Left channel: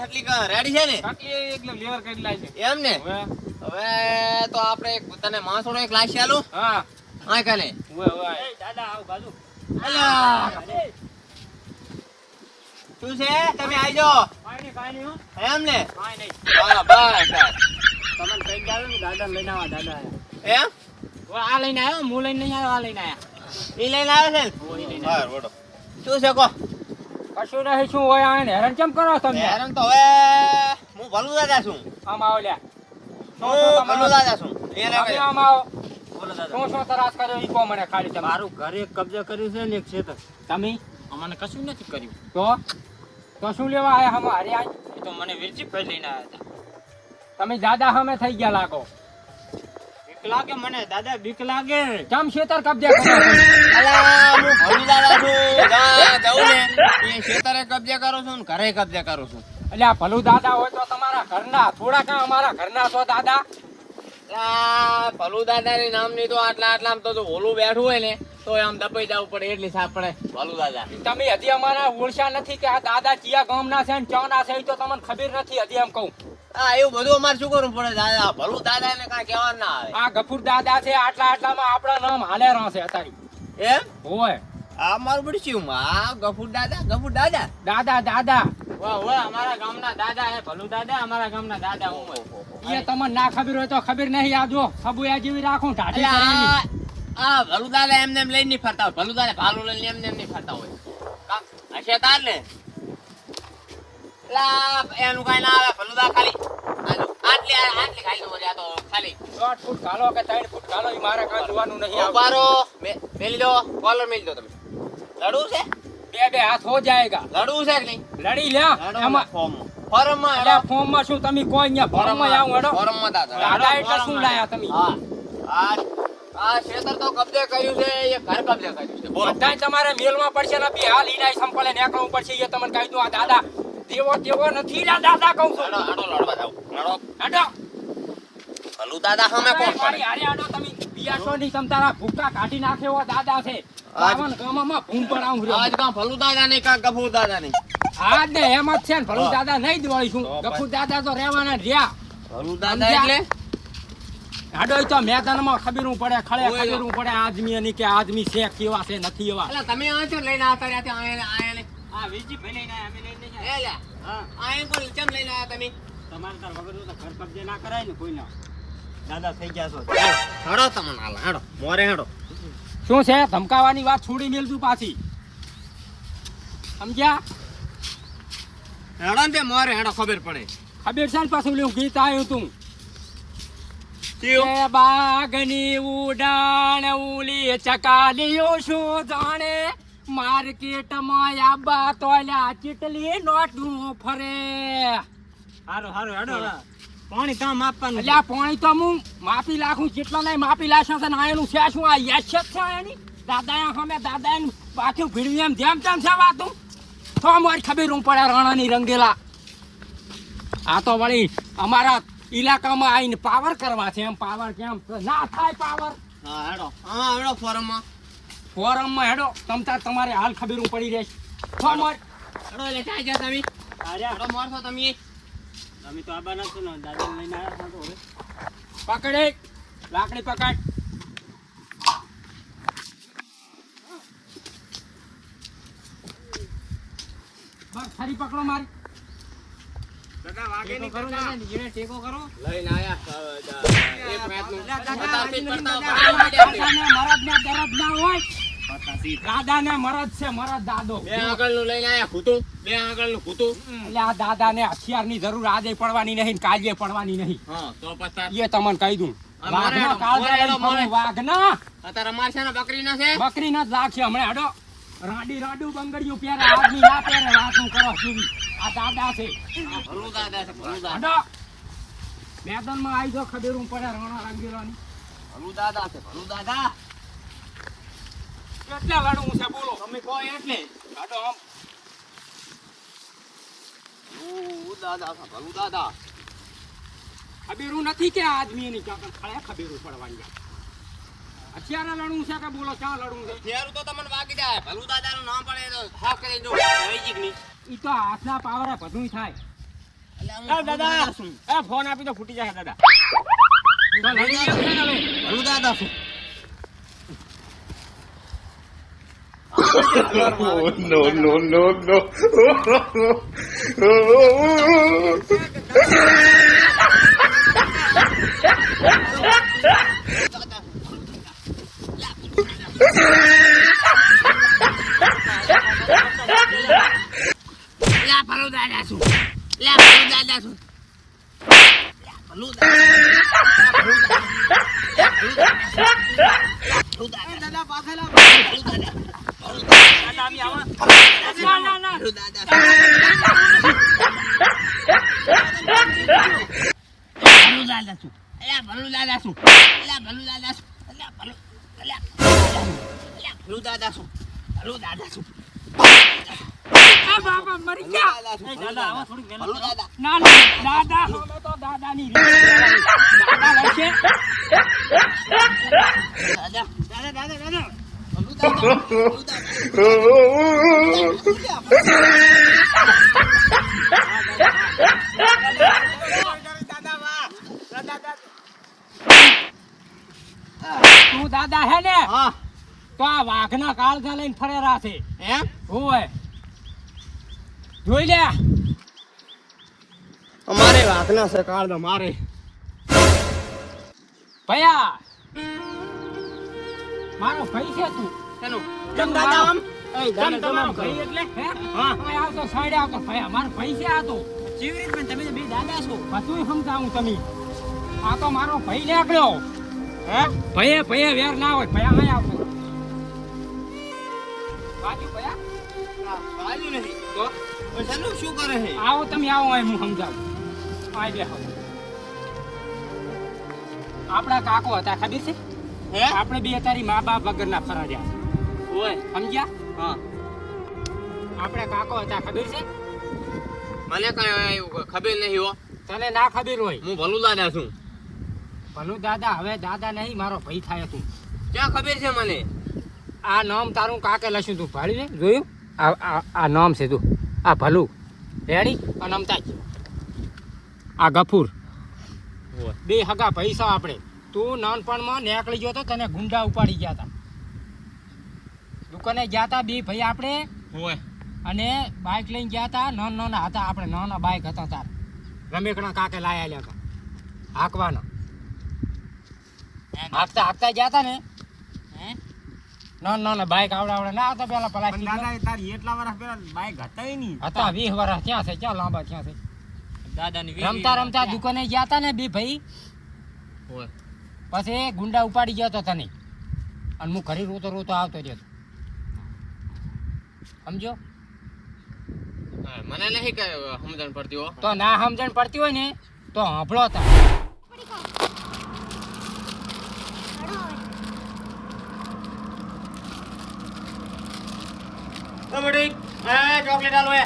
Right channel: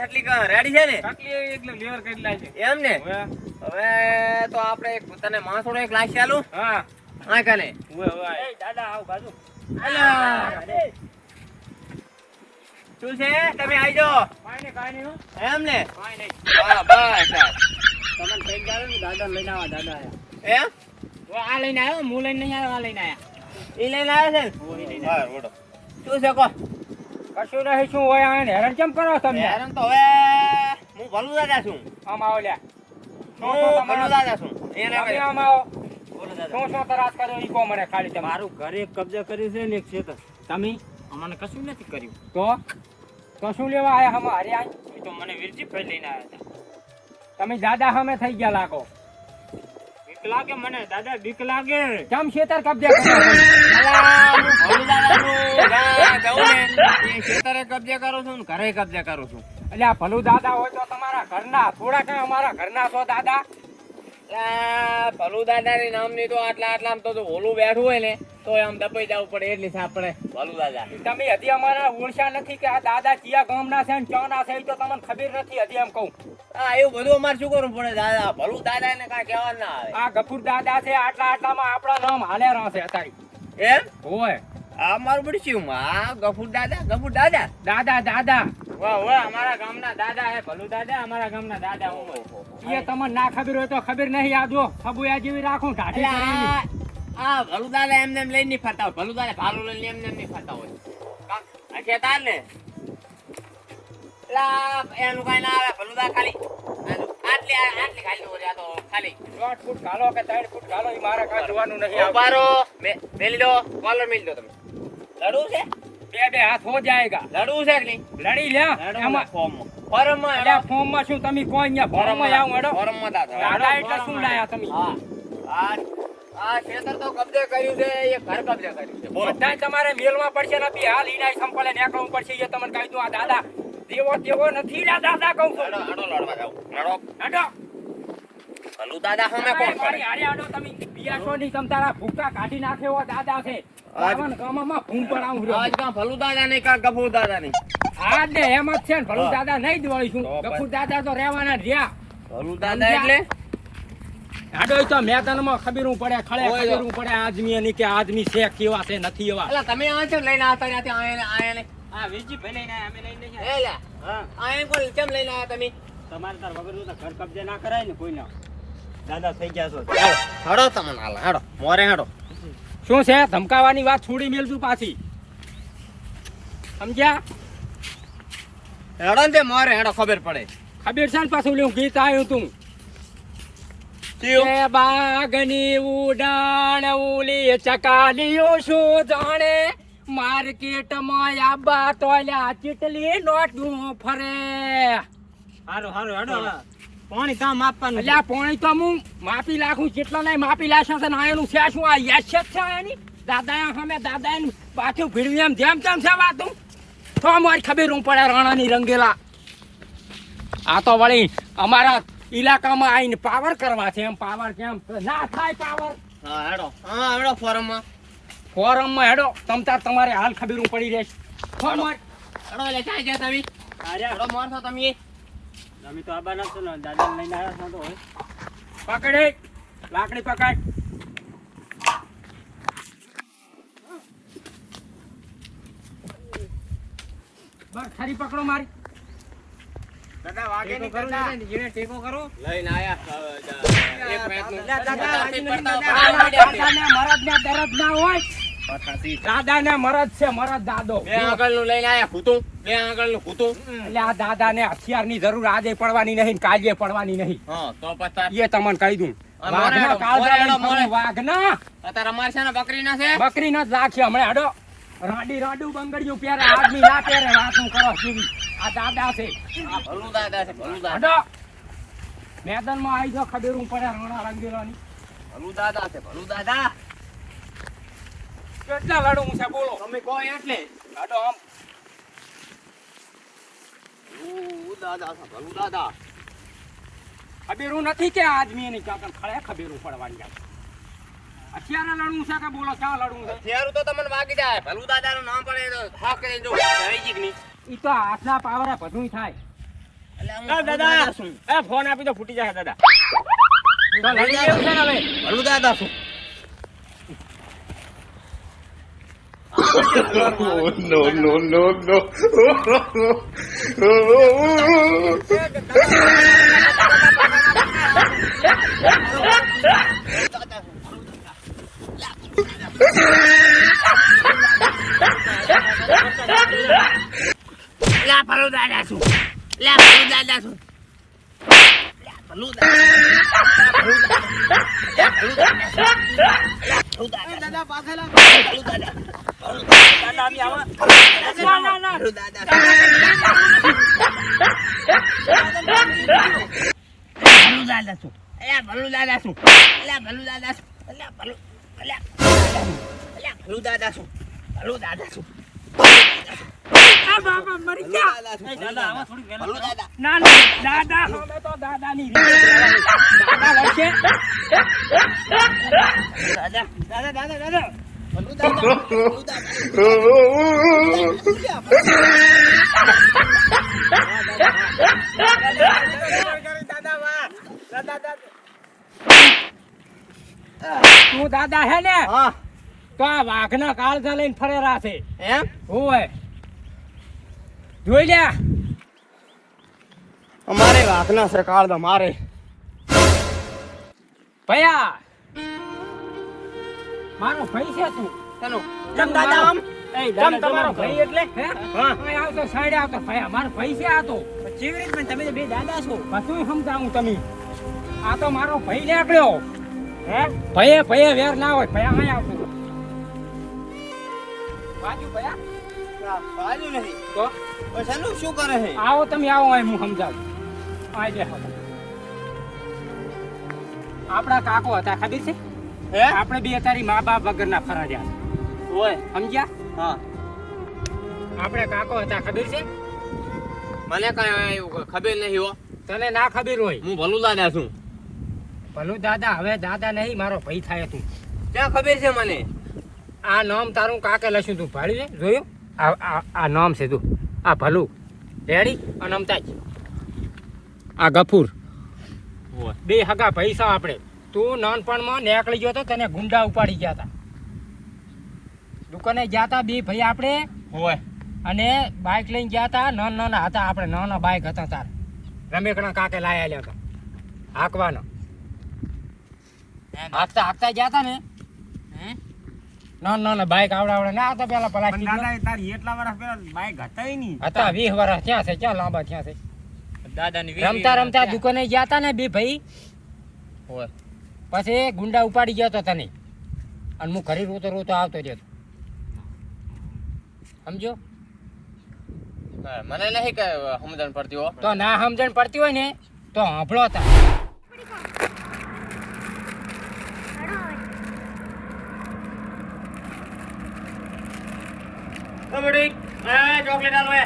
કાટલી હટલી ready છે ને? એટલે લેવર કરી છે. એમ ને? હવે? હવે તો આપણે એક તને માણસોનો એક લાશ ચાલુ હા. હા કાલે. ઓય હવે દાદા આવ બાજુ. અલા શું છે? તમે આવી જાઓ. કાઈ નહીં કાઈ નહીં એમ ને? કાઈ નહીં. બસ તમને કઈ જાવ ને દાદા લઈને આવા દાદા એમ? ઓ આ લઈને આવ્યો હું લઈને નહીં આવ્યો આ લઈને આયા. એ લઈને આવ્યો છે ને? હા બોલો. શું છે કો કશું નહીં શું હોય આને હેરાન કેમ કરો તમે હેરાન તો હવે હું ભલું દાદા છું. આમ આવો લ્યા. હું ભલું દાદા છું. એ રે આમ આવો. શું શું તરાસ કર્યો? ઈ કહો મને ખાલી તમે. મારું ઘરે કબજે કર્યું છે ને એક ક્ષેત્ર તમે? અમને કશું નથી કર્યું. તો? તો શું લેવા આયા હમ? હારે આય. તો મને વિરજી ભાઈ લઈને આવ્યા હતા. તમે દાદા હમે થઈ ગયા લાગો. બીક લાગે મને દાદા બીક લાગે. કેમ કબજે જ્યાં જાઉં ને. કબજે કરું છું ને ઘરે કબજે કરું છું. એટલે આ ભલું દાદા હોય તો તમારા ઘરના થોડા કાં અમારા ઘરના છો દાદા? આ ભલું દાદાની નામની તો આટલા આટલા તો જો ઓલું બેઠું હોય ને તો આમ દબાઈ જવું પડે એટલી સાંભળે ભલું દાદા. તમે હજી અમારા ઓળશા નથી કે આ દાદા કયા ગામના છે ને ચોના છે તો તમને ખબર નથી હજી એમ કહું. હા એવું બધું અમારે શું કરવું પડે દાદા? ભલું દાદા ને કાંઈ કહેવા ના આવે. આ ગફુર દાદા છે આટલા આટલામાં આપણા નામ હાલે રહે અત્યારે. એમ? હોય. આ મારું બધું આ ગફુર દાદા? ગફુર દાદા? દાદા દાદા. વાહ વાહ અમારા ગામના દાદા હે ભલું દાદા અમારા ગામના દાદા હું. એ તમને ના ખબર હોય તો ખબર નહીં આ જો સબુયા જેવી રાખું ઢાઢી આ ભલું દાદા એમને એમ લઈને નહીં ફરતા હોય. ભલું દાદા ભાલું લઈને એમને એમ નહીં ફરતા હોય. કાં હશે તાર ને? એટલે એનું કાંઈ ના આવે ભલું ખાલી. આ જો, આટલી આટલી ખાલી દોરી આ તો ખાલી. દોઢ ફૂટ ઘાલો કે ત્રણ ફૂટ ઘાલો ઈ મારે કાંઈ જોવાનું નહીં ઉભારો મેલી દો. કોલર મેલી દો તમે. લડવું છે? બે બે હાથ હો જાયગા. લડવું છે કે નહીં? લડી લ્યા. એમાં ફોર્મમાં. ફોર્મમાં અલ્યા ફોર્મમાં શું તમે કોઈ અહીંયા ફોર્મમાં આવું હેડો. ફોર્મમાં દાદા. દાદા એટલે શું લાયા તમે? હા. આ આ ક્ષેત્ર તો કબજે કર્યું છે એ ઘર કબજે કર્યું છે. બોલો બધાય તમારે મેલમાં પડશે ને બી. હાલ ઈનાય સંપલે નીકળવું પડશે એ તમને કહી દઉં આ દાદા. તેવો તેવો નથી લા દાદા કહું છું. હેડો આડો લડવા જાવ આડો આડો હલુ દાદા હમે કોણ પડે અરે આડો તમે બિયાસો ની તમ તારા ભૂકા કાઢી નાખે એવો દાદા છે. બાવન ગામમાં ભૂમ પડાવું રહ્યો. આજ ગામ ભલુ દાદા ને કા ગભુ દાદા ને આ જ ને એમ જ છે ને ભલુ દાદા નહીં દોડીશું ગભુ દાદા તો રહેવાના રહ્યા. ભલુ દાદા એટલે? ઈ તો મેદાનમાં ખબીરું પડે ખબીરું પડે આદમી ની કે આદમી છે કેવા છે નથી એવા. એટલે તમે આ છો? લઈને આવતા હા વિરજી ભાઈ લઈને અમે લઈને નહીં એ હા. આયા કોણ કેમ લઈને આયા તમે? તમારે તાર વગર તો ઘર કબજે ના કરાય ને કોઈના. દાદા થઈ ગયા છો. હેડો તમને હાલ હેડો મોરે હેડો. શું છે? ધમકાવાની વાત છોડી મેલતું પાછી. સમજ્યા? હેડો ને મોરે હેડો ખબર પડે. ખબર છે ને પાછું લેવું ગીત આવ્યું તું. બાગની ઉડાણ ઉલી ચકાલીઓ શું જાણે? માર્કેટમાં આબા તોલ્યા ચીટલી નોટું ફરે. હારો હારો હેડો. પાણી તો માપવાનું એટલે પાણી તો હું માપી લાખું જેટલા નહીં માપી લાશે તો ને એનું છે શું? આ યશ છે એની દાદા અમે દાદા એનું પાછું ભીડવી એમ જેમ તેમ છે વાતું. તો મારી ખબર હું પડે રાણાની રંગેલા. આ તો વળી અમારા ઇલાકામાં આવીને પાવર કરવા છે એમ પાવર કેમ ના થાય પાવર હા હેડો. હા હેડો ફોરમમાં ફોરમમાં હેડો. તમતાર તમારે હાલ ખબર હું પડી રહેશે. ફોર્મ હેડો. એટલે ચાય છે તમે. હેડો મોરશો તમે. અમે તો આબા નાખશો ને દાદા લઈને આવ્યા છો તો પકડે. લાકડી પકડ. બસ ખરી પકડો મારી. દાદા વાગે નહીં કરતા ધીરે ટેકો કરો. લઈને આયા. એક. દાદા, દરદ ના હોય. પચાસથી. દાદાને મરદ છે મરદ દાદો. બે લઈને આયા બે એટલે આ જરૂર આજે પડવાની નહીં કાલે પડવાની નહીં. તો પછી એ તમને કહી દઉં. ને બકરી ન લાગશે હમણાં હેડો. રાડી રાડું બંગડિયું પહેરે આદમી ના પહેરે વાતું કરો સુધી આ દાદા છે. આ ભલું દાદા છે ભલું દાદા. મેદાનમાં આવી જાવ ખબર પડે રાણા રંગીલાની. ભલું દાદા છે ભલું દાદા. કેટલા લડું છે બોલો. તમે કહો એટલે? લાડો આમ. દાદા ભલું દાદા. ખબેરું નથી કે આદમી ની ચાકર ખડે ખબેરું પડવાની જાય અત્યારે લડવું છે કે બોલો ક્યાં લડવું છે? તો તમને વાગી જાય. ભલું દાદાનું નામ પડે તો હા કરી દો. ઈ તો હાથના પાવરે બધું થાય. હું દાદા ફોન આપી તો ફૂટી જાય દાદા. ને ભલું દાદા છું. No, no, no, no. લા ભલું દાદા છું. લા ભલું દાદા છું. લા ભલું દાદા. છું. દાદા. ભલું દાદા. છું. લા ભલું દાદા છું. લા ભલું. લા ભલું- દાદા છું. ભલું છું. આ બાબા મરી ભલું ગયા દાદા છું. એ ભલું દાદા આવો દાદા. થોડીક ભલું વહેલા દાદા. ના ના દાદા હવે તો દાદાની રીતે દાદા લડશે દાદા. દાદા દાદા દાદા ભલું દાદા. ભલું દાદા. દાદા વાહ દાદા દાદા તું દાદા હે ને હા તો આ વાઘના કાળજા લઈને ફરેરા છે એમ હોય જોઈ લે. અમારે વાઘના છે કાળદા મારે. ભયા. મારો ભાઈ છે તું. ચલો કેમ દાદા આમ? કેમ તમારો ભાઈ? એટલે? હા. હવે આવતો સાઈડ આવતો ભયા મારો ભાઈ છે આ તો. કેવી રીતે પણ તમે બે દાદા છો? બધું સમજાવું તમે? આ તો મારો ભાઈ નીકળ્યો. હે? ભયે ભયે વેર ના હોય. ભયા અહીં આવતો બાજુ ભયા. બાજુ નહીં. તો? પણ શું કરે છે? આવો તમે આવો અહીં હું સમજાવું. આજે આપણા કાકો હતા ખબર છે? હે? આપણે બે તારી મા બાપ વગરના ફરાજ્યા. ઓય. સમજ્યા? હા. આપણે કાકો હતા ખબર છે? મને કઈ ખબર નહીં હો. તને ના ખબર હોય. હું ભલું દાદા છું. ભલું દાદા હવે દાદા નહીં મારો ભાઈ થાય તું. ક્યાં ખબર છે મને? આ નામ તારું કાકે લખ્યું તું ભાળી જોયું? આ નામ છે તું. આ ભલું. રેડી? અને અમતાજ આ ગફૂર. બે હગા પૈસા આપણે તું નાનપણમાં નીકળી ગયો તો તને ગુંડા ઉપાડી ગયા હતા દુકાને ગયા હતા બે ભાઈ આપણે ઓય અને બાઇક લઈને ગયા હતા નાના નાના હતા. આપણે નાના બાઇક હતા તાર. રમેકણા કાકે લાયા લ્યા હતા હાંકવાના. હાંકતા હાંકતા ગયા હતા ને. ના બાઇક આવડા આવડા ના હતા પેલા પેલા દાદા તારી એટલા વર્ષ પેલા બાઈક હતા નહીં હતા વર્ષ ક્યાં છે ક્યાં લાંબા ક્યાં છે? દાદાની રમતા રમતા દુકાને ગયા હતા ને બે ભાઈ. ઓય પછી ગુંડા ઉપાડી ગયા તો તને. અને હું ઘરે રોતો રોતો આવતો રહ્યો. સમજો? મને નહીં કઈ સમજણ પડતી હો. તો ના સમજણ પડતી હોય ને તો સાંભળો તા. ઓ બેટી એ ચોકલેટ આલો એ.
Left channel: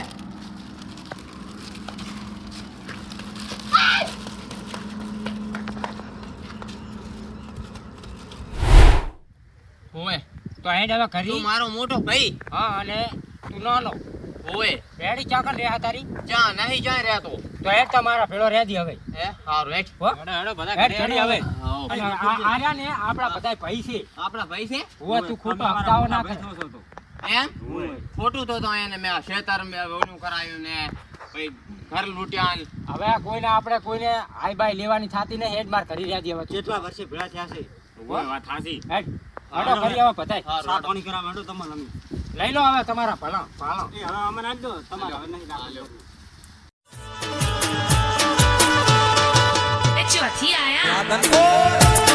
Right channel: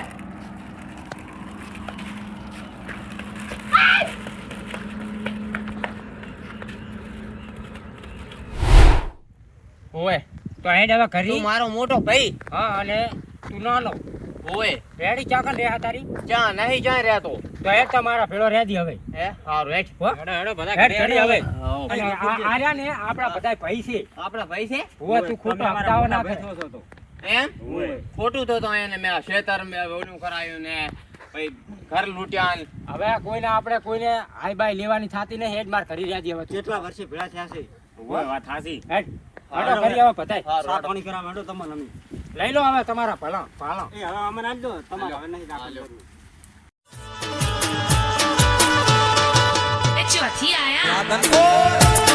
ઓય તો હેડ હવે ઘરે? તું મારો મોટો ભાઈ. હા અને તું નાનો ઓય રેડી ચાકર રે તારી? જા નહીં જાય રે તો. હેડ તમારા પેલો દી હવે. હે? હારું હેડ. હેડ હેડો બધા હેડ ઘરે હવે. આ આર્યા ને આપણા બધા ભાઈ છે. આપડા ભાઈ છે? હોવે તું ખોટો હપ્તાઓ ના બેઠો છો તો. એમ? ખોટું તો તો એને મેં ખેતર મેં ઓલું કરાયું ને પછી ઘર લૂટ્યા ને. હવે કોઈને આપણે કોઈને હાઈ બાય લેવાની થાતી ને હેડ માર કરી રહ્યા હવે કેટલા વર્ષે ભેળા થયા છે? ઓય વાત હાસી હેડ હેડો કરી હવે પતાય સાત પાણી કરા મેડો તમને અમે લઈ લો હવે તમારા ભલા પાલા એ હવે અમે નાખ દો. તમારે હવે નહીં રાખો એ ચોથી આયા.